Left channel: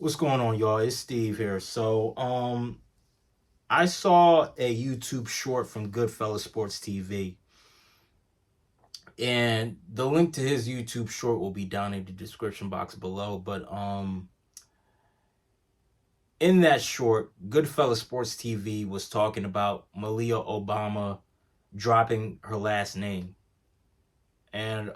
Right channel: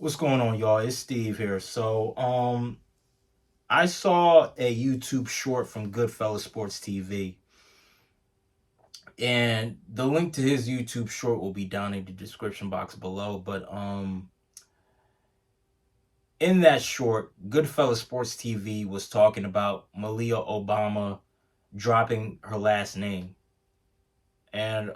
What's going on, y'all? It's Steve here. I saw a YouTube short from Goodfellas Sports TV, and the link to his YouTube short will be down in the description box below. But in that short, Goodfellas Sports TV was talking about Malia Obama dropping her last name, and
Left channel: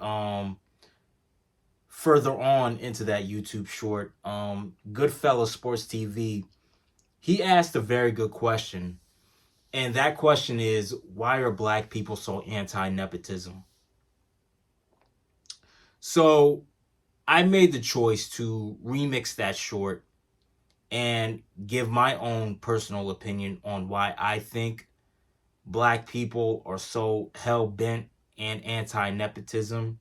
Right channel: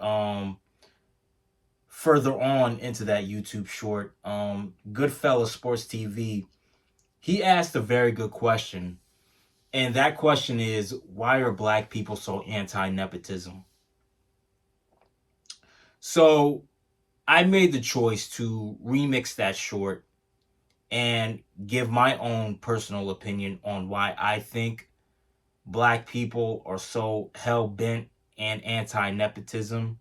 further on into that YouTube short, Goodfellas Sports TV, he asked a very good question. And that question is, why are black people so anti-nepotism? So I made the choice to remix that short and give my own personal opinion on why I think black people are so hell-bent and anti-nepotism.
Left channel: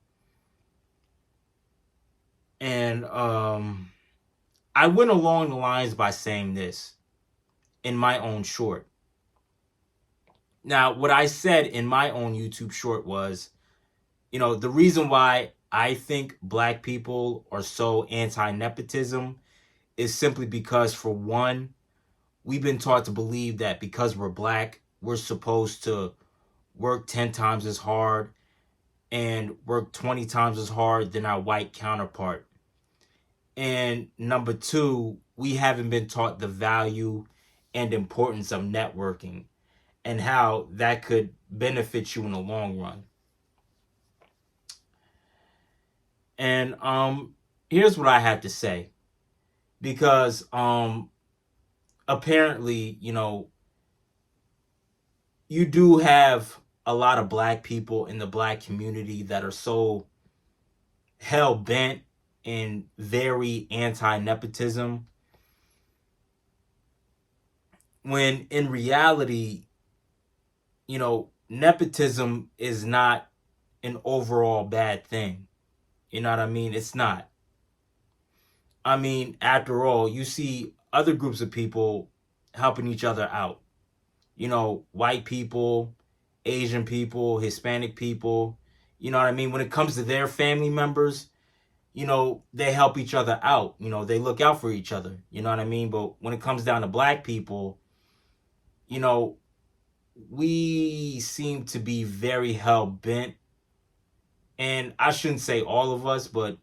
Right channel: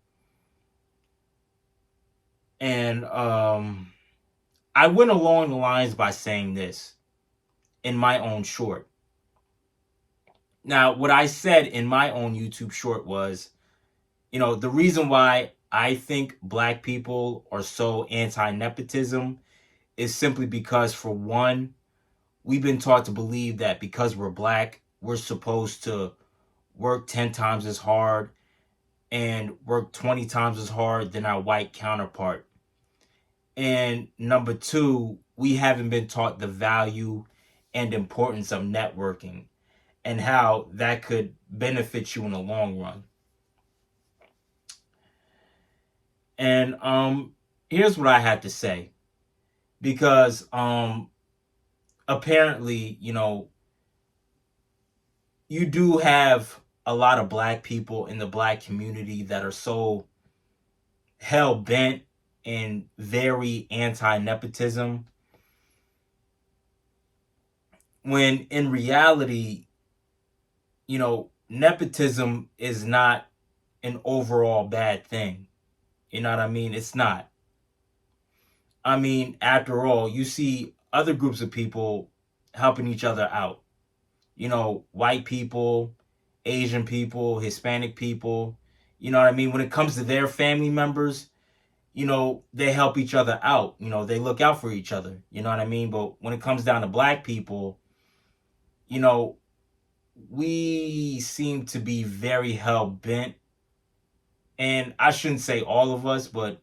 And I went along the lines by saying this in my own short. Now, what I said in my own YouTube short was, the reason why I think black people are so anti-nepotism is simply because, for one, we've been taught to believe that because we're black, we're supposed to work 10 times as hard and work 20 times as hard than our white counterpart. And number two, we haven't been taught the value and importance of networking and how that could benefit you in the long run. And here's what I have to say. Because apparently, you do have a lot of black people in the black community that are so hell bent and very anti-nepotism, when in reality, nepotism is not an overall bad thing. You know what I mean? It's not. I mean, after all, you see other groups of people helping each other out. White people, Asian people, Hispanic people. You know what I mean? When it comes to their family members, they help each other out. They look out for each other. You know what I mean? But when it comes down to black people, you know, we seem to be very hell bent. And I shouldn't say all of us, but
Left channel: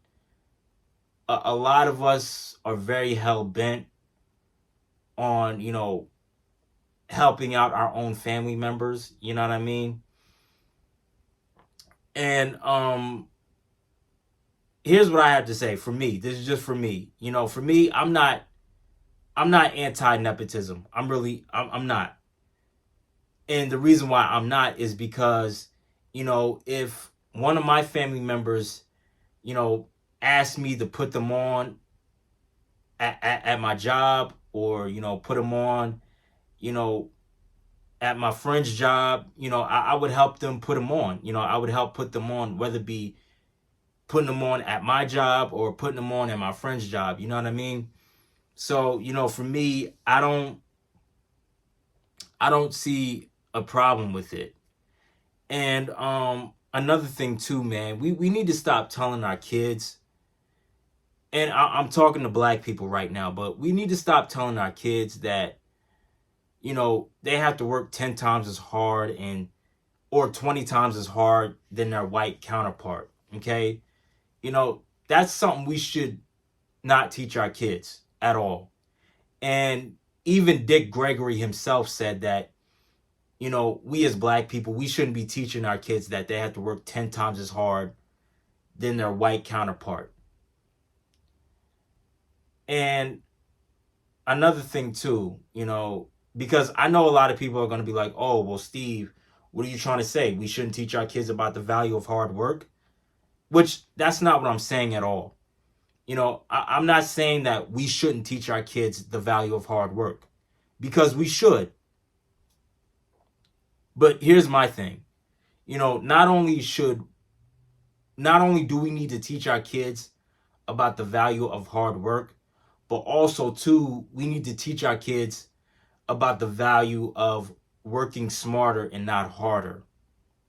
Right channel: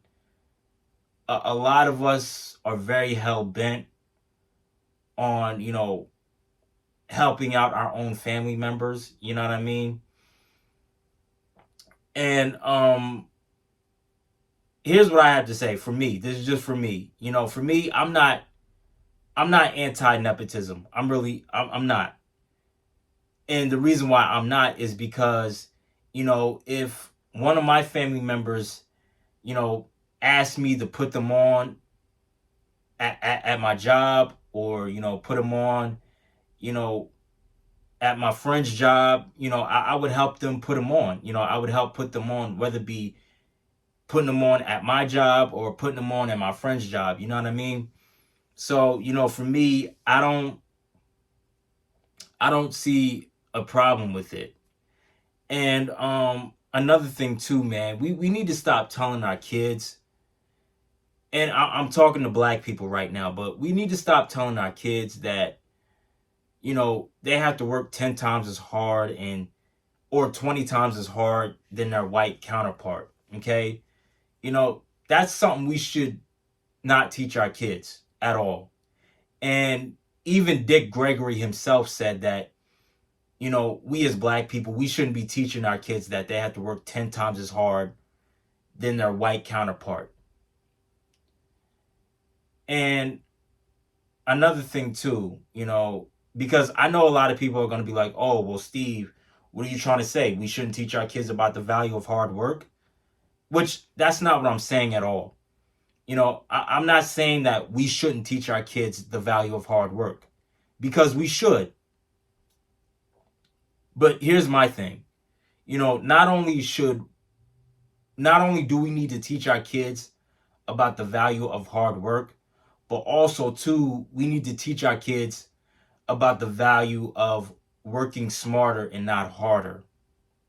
a lot of us are very hell bent on, helping out our own family members. You know what I mean? And here's what I have to say. For me, this is just for me. For me, I'm not anti-nepotism. I'm not. And the reason why I'm not is because, if one of my family members, asked me to put them on at my job, or, put them on, you know, at my friend's job, I would help them put them on. I would help put them on, whether it be putting them on at my job or putting them on at my friend's job. You know what I mean? So, for me, I don't see a problem with it. And another thing too, man, we need to stop telling our kids, and I'm talking to black people right now, but we need to stop telling our kids that, they have to work 10 times as hard or 20 times as hard than their white counterpart. Okay? That's something we should not teach our kids at all. And even Dick Gregory himself said that, we as black people, we shouldn't be teaching our kids that they have to work 10 times as hard than their white counterpart. And another thing too, because I know a lot of people are going to be like, oh, well, Steve, what are you trying to say? We shouldn't teach our kids about the value of hard work? Which, that's not what I'm saying at all. I'm not saying that we shouldn't teach our kids the value of hard work, because we should. But here's my thing. Not only do we need to teach our kids about the value of hard work, but also too, we need to teach our kids about the value of working smarter and not harder.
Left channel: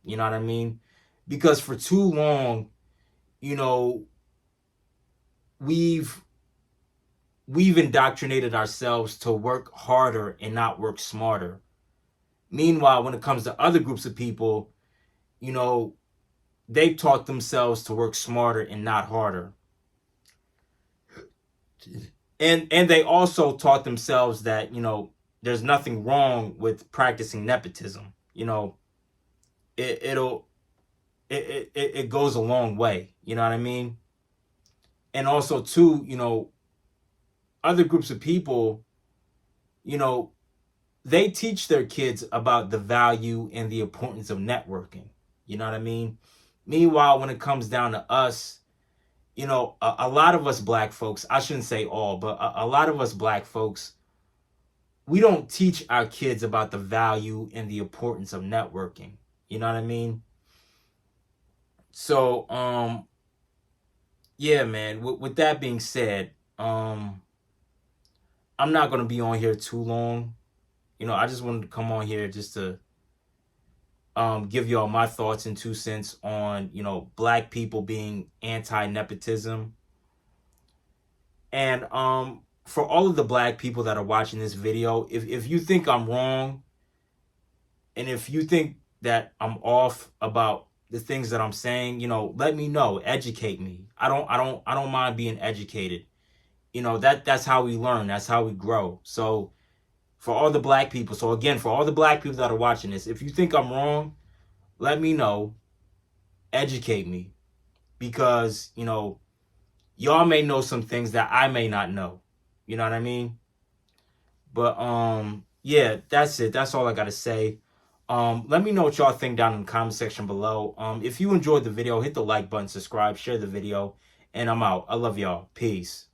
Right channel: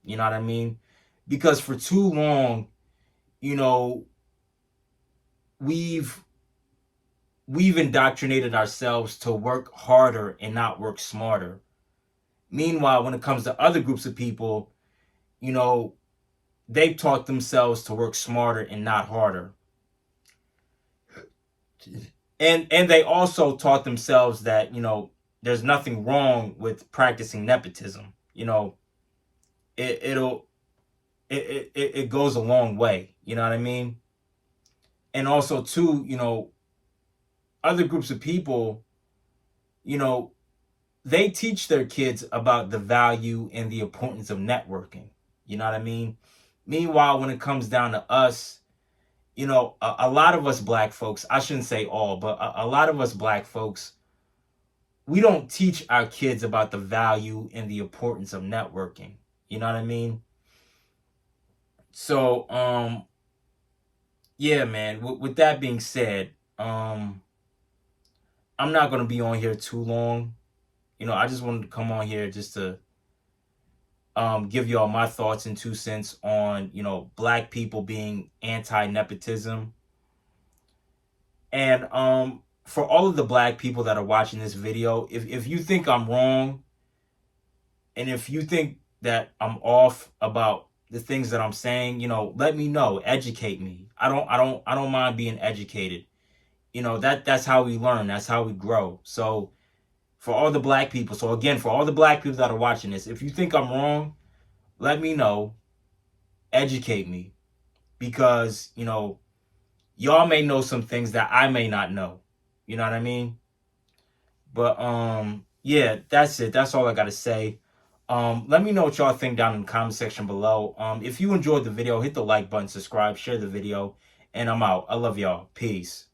You know what I mean? Because for too long, we've we've indoctrinated ourselves to work harder and not work smarter. Meanwhile, when it comes to other groups of people, you know, they've taught themselves to work smarter and not harder. And they also taught themselves that, there's nothing wrong with practicing nepotism. It it'll it goes a long way. You know what I mean? And also too, other groups of people, you know, they teach their kids about the value and the importance of networking. You know what I mean? Meanwhile, when it comes down to us, a lot of us black folks, I shouldn't say all, but a lot of us black folks, we don't teach our kids about the value and the importance of networking. You know what I mean? So, yeah, man, with that being said, I'm not going to be on here too long. I just wanted to come on here just to give y'all my thoughts and 2 cents on, black people being anti-nepotism. And for all of the black people that are watching this video, if you think I'm wrong, and if you think that I'm off about the things that I'm saying, let me know, educate me. I don't mind being educated. That's how we learn, that's how we grow. So for all the black people, so again, for all the black people that are watching this, if you think I'm wrong, let me know, educate me, because y'all may know some things that I may not know. You know what I mean? But yeah, that's it. That's all I gotta say. Let me know what y'all think down in the comment section below. If you enjoyed the video, hit the like button, subscribe, share the video, and I'm out. I love y'all. Peace.